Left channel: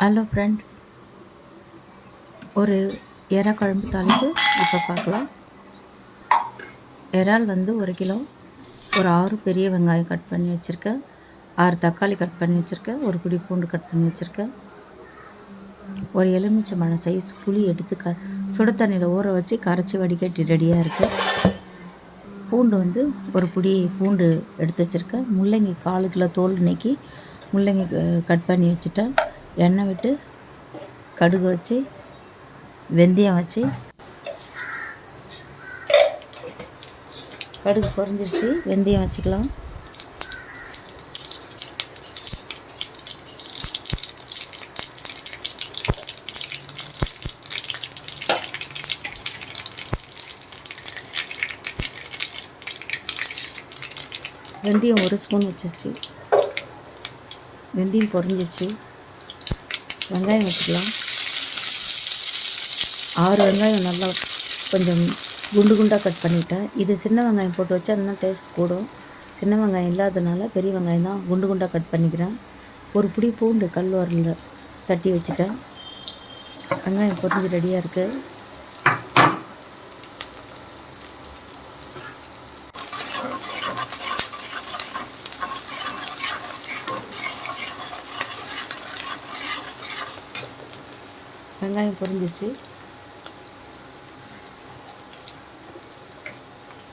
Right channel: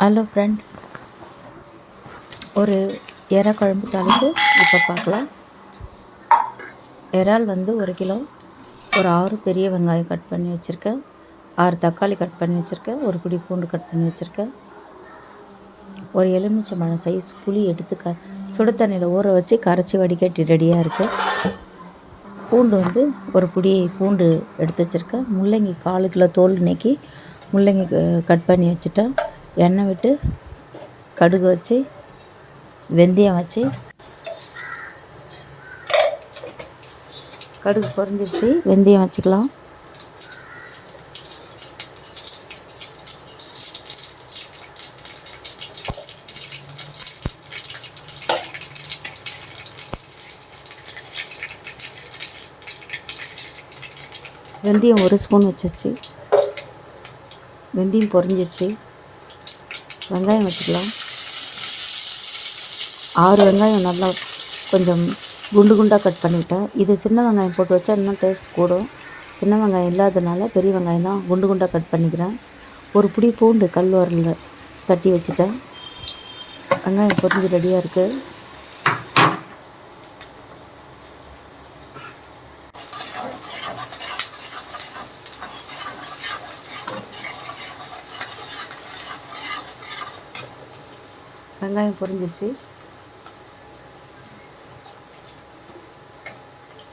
Hello friend, ஒரு எறா குழம்பு தாளிப்பு இப்போ பார்க்கலாம். இறால் வந்து 1 கிலோ, ஒரு 6 பெரிய வெங்காயம் கட் பண்ணி வச்சுருக்கேன், 6 தக்காளி கட் பண்ணி வச்சுருக்கேன், ஒரு பிடி பூண்டு கட் பண்ணி வச்சுருக்கேன், ஒரு எலுமிச்சம்பழம் சைஸ் புளி எடுத்து சுடு தண்ணியில் ஊற வச்சு கரைச்சி வடிகட்டி ரெடியாக இருக்குது. பூண்டு வந்து ஒரு பிடி பூண்டு எடுத்து வச்சுருக்கேன். முள்ளங்கி 4 கிலோ தோல் நீக்கி முள்ளங்கி கட் பண்ணி வச்சுட்டேன். எண்ணெய் விட்டு கடுகு வச்சு வெந்தயம் வச்சு கடுகு பொரிஞ்சிருச்சு, வெந்தயம் வச்சுக்கலாம். வெந்தயம் 1 ஸ்பூன் வச்சிருச்சு, வெந்தயம் பொரிஞ்சிருச்சு. வெங்காயம் வச்சுக்கலாம். 6 வெங்காயம் நல்லா கொஞ்சம் குண்டு குண்டாக கட் பண்ணிட்டேன். இது சின்ன வெங்காயம் போட்டு வச்சா இன்னும் டேஸ்ட் கூடும். சின்ன வெங்காயம் இல்லாதனால பெரிய வெங்காயம் தான் குண்டு குண்டாக கட் பண்ணிக்கிறேன். ஒரு பிடி பூண்டு கல் உரலில் தட்டி வச்சுட்டேன். வெங்காயம் பொரிஞ்சு ரெடியாக இருக்குது. வெங்காயம் பொரிஞ்சிருச்சு.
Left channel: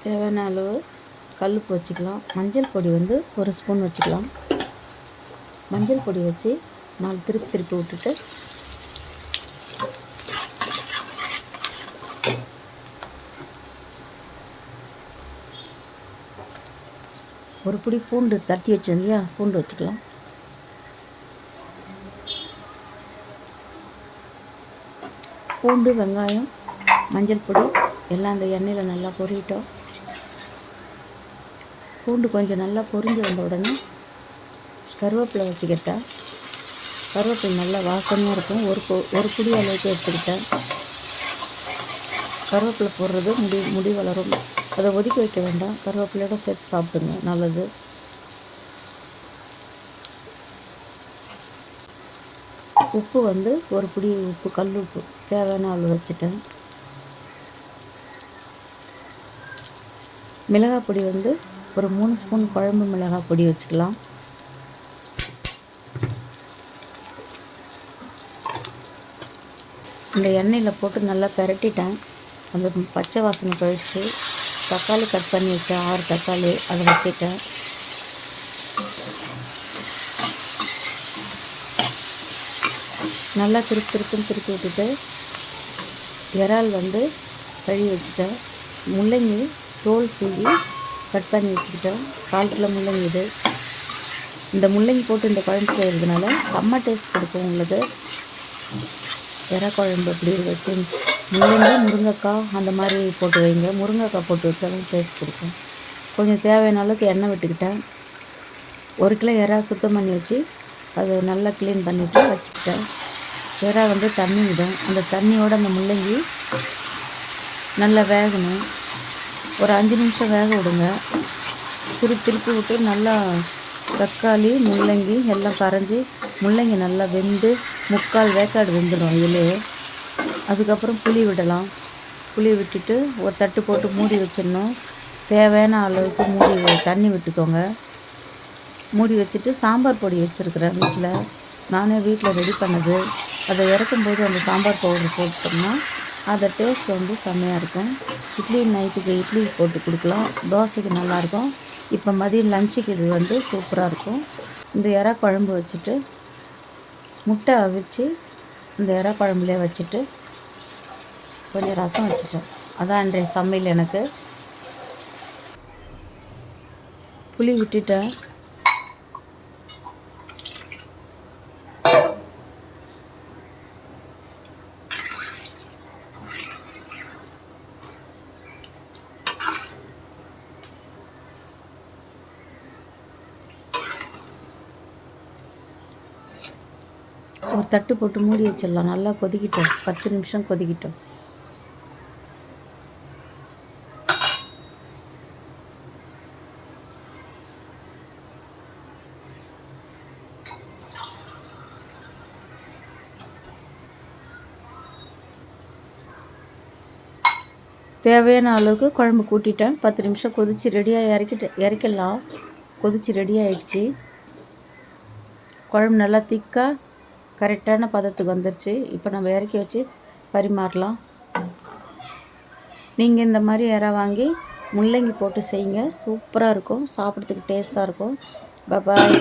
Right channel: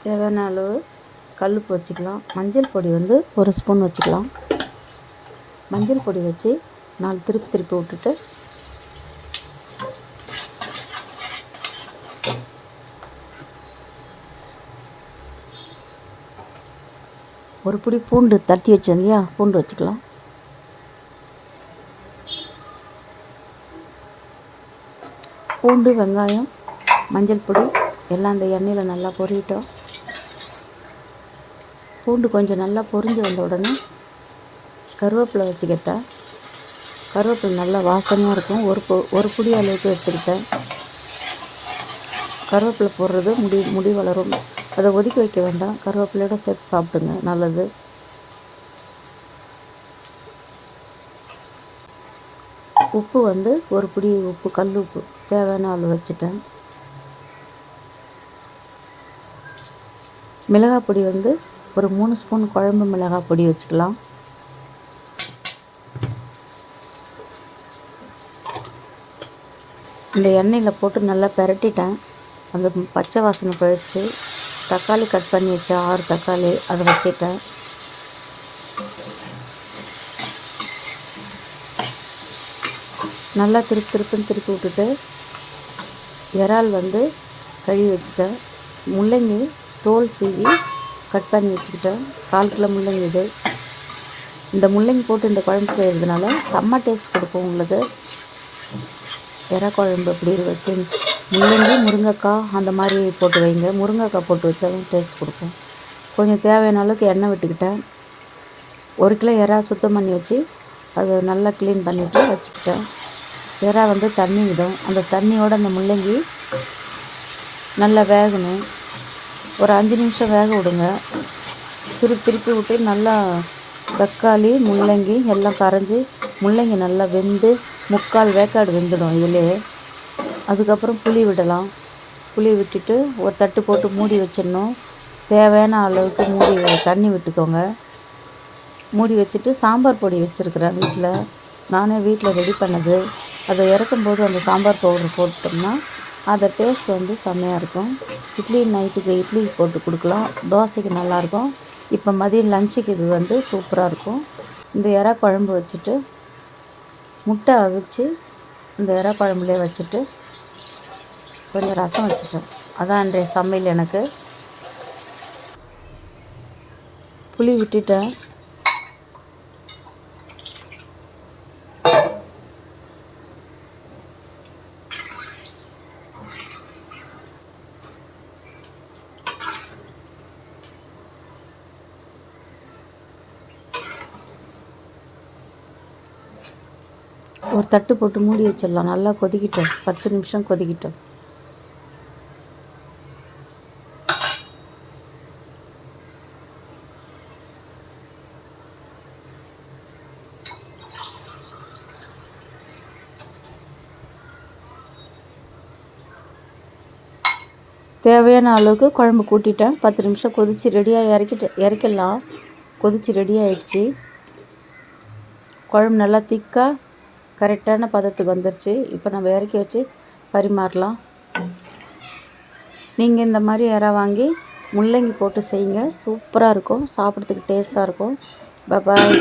தேவையான அளவு கல்லுப்பு வச்சுக்கலாம். மஞ்சள் பொடி வந்து 1 ஸ்பூன் வச்சுக்கலாம். மஞ்சள் பொடி வச்சு 4 திருப்பி விட்டுட்டு ஒரு பிடி பூண்டு தட்டி வச்சேன் இல்லையா, பூண்டு வச்சுக்கலாம். பூண்டு, வெங்காயம், மஞ்சள் பொடி எல்லாம் அந்த எண்ணெயில் நல்லா பொரியட்டும். பூண்டு கொஞ்சம் நல்லா பொரிஞ்சு வந்த உடனே கருவேப்பிலை வச்சுக்கிட்டேன். கருவேப்பிலை நல்லா வாசனையாக இருக்கும். ஒரு பிடி அளவுக்கு எடுத்துக்கிட்டேன். கருவேப்பிலை போடுறது முடி வளரும். அதை ஒதுக்கி வைக்க வேண்டாம், கருவேப்பிலையோட சேர்த்து சாப்பிடுங்க, நல்லது. உப்பு வந்து ஒரு பிடி உப்பு, கல் உப்பு தேவையான அளவு வச்சுட்டேன். மிளகாய் பொடி வந்து ஒரு 3 ஸ்பூன் குழம்பு மிளகாய் பொடி வச்சுக்கலாம். இந்த எண்ணெயில் போட்டு நல்லா பிரட்டிட்டேன். அந்த பச்சை வாசனை போயிடுச்சு. தக்காளி கட் பண்ணி வச்சேன், 6 தக்காளி அதை வச்சுட்டேன். நல்லா திருப்பி விட்டுட்டு இறால் வந்து கழுவி வச்சுட்டேன். முள்ளங்கி தோல் சீவி கட் பண்ணி வச்சுக்கிட்டேன். 4 கிலோ முள்ளங்கி இது. இந்த முள்ளங்கி போட்டு இந்த குழம்பு செய்கிறதுனால செம்ம டேஸ்ட் கொடுக்கும் உங்களுக்கு. இறா குழம்பு எப்படி வச்சு முள்ளங்கி, முருங்கைக்காய் அந்த மாதிரி போட்டு வைங்க. முருங்கைக்காய் போட்டு வச்சாலும் டேஸ்ட் கொடுக்கும். கொஞ்சம் தேவையான அளவுக்கு எண்ணெய் விட்டுக்கிட்டேன். 1 கிலோ இறா சுத்தம் பண்ணி வச்சு அதை நல்லா க்ளீன் பண்ணிவிட்டு வச்சுக்கிட்டேன். இறா வந்து தண்ணி விடும். அந்த தண்ணியோடு அந்த முள்ளங்கி நல்லா வேகணும். ஒரு 5 நிமிஷம் வேக விடுங்க. திருப்பி விட்டு நல்லா தக்காளி, முள்ளங்கி எல்லாம் கரைஞ்சி முள்ளங்கி நல்லா வெந்து 3/4 வேக்காடு வெந்துடும் இதிலே. அதுக்கப்புறம் புளி விடலாம். புளி விட்டுட்டு ஒரு தட்டு போட்டு மூடி வச்சிடணும். தேவையான அளவுக்கு தண்ணி விட்டுக்கோங்க. மூடி வச்சுட்டு சாம்பார் பொடி வச்சுருக்கிறேன் வீட்டில், நானே வீட்டில் ரெடி பண்ணது. அதை இறக்கும்போது அந்த சாம்பார் பவுடர் போட்டோம்னா அதை டேஸ்ட் வந்து செம்மையாக இருக்கும். நைட்டுக்கு இட்லி போட்டு கொடுக்கலாம், தோசைக்கு நல்லாயிருக்கும். இப்போ மதியம் லஞ்சுக்கு இது வந்து சூப்பராக இருக்கும். இந்த இறா குழம்பு வச்சுட்டு முட்டை அவிச்சு இந்த இறா குழம்புலேயே வச்சுட்டு கொஞ்சம் ரசம் வச்சுட்டேன். அதான் அன்றைய சமையல். எனக்கு புளி விட்டுட்டேன். ஒரு தட்டு போட்டு மூடி வச்சிடலாம். நல்லா கொதிக்கிட்டோம், 10 நிமிஷம் கொதிக்கிட்டோம். தேவையான அளவுக்கு குழம்பு கூட்டிட்டேன். 10 நிமிஷம் கொதித்து ரெடியாக இறக்கிடலாம். கொதித்து ரெடி ஆகிடுச்சி. குழம்பு நல்லா திக்காக கரெக்டான பதத்துக்கு வந்துருச்சு. இப்போ நம்ம இறக்கி வச்சு பரிமாறலாம். நீங்கள் இந்த மாதிரி இறா வாங்கி முள்ளங்கி போட்டு செய்யுங்க. சூப்பராக இருக்கும். சாப்பிட்றதுக்கு டேஸ்ட்டாக இருக்கும். பாய்.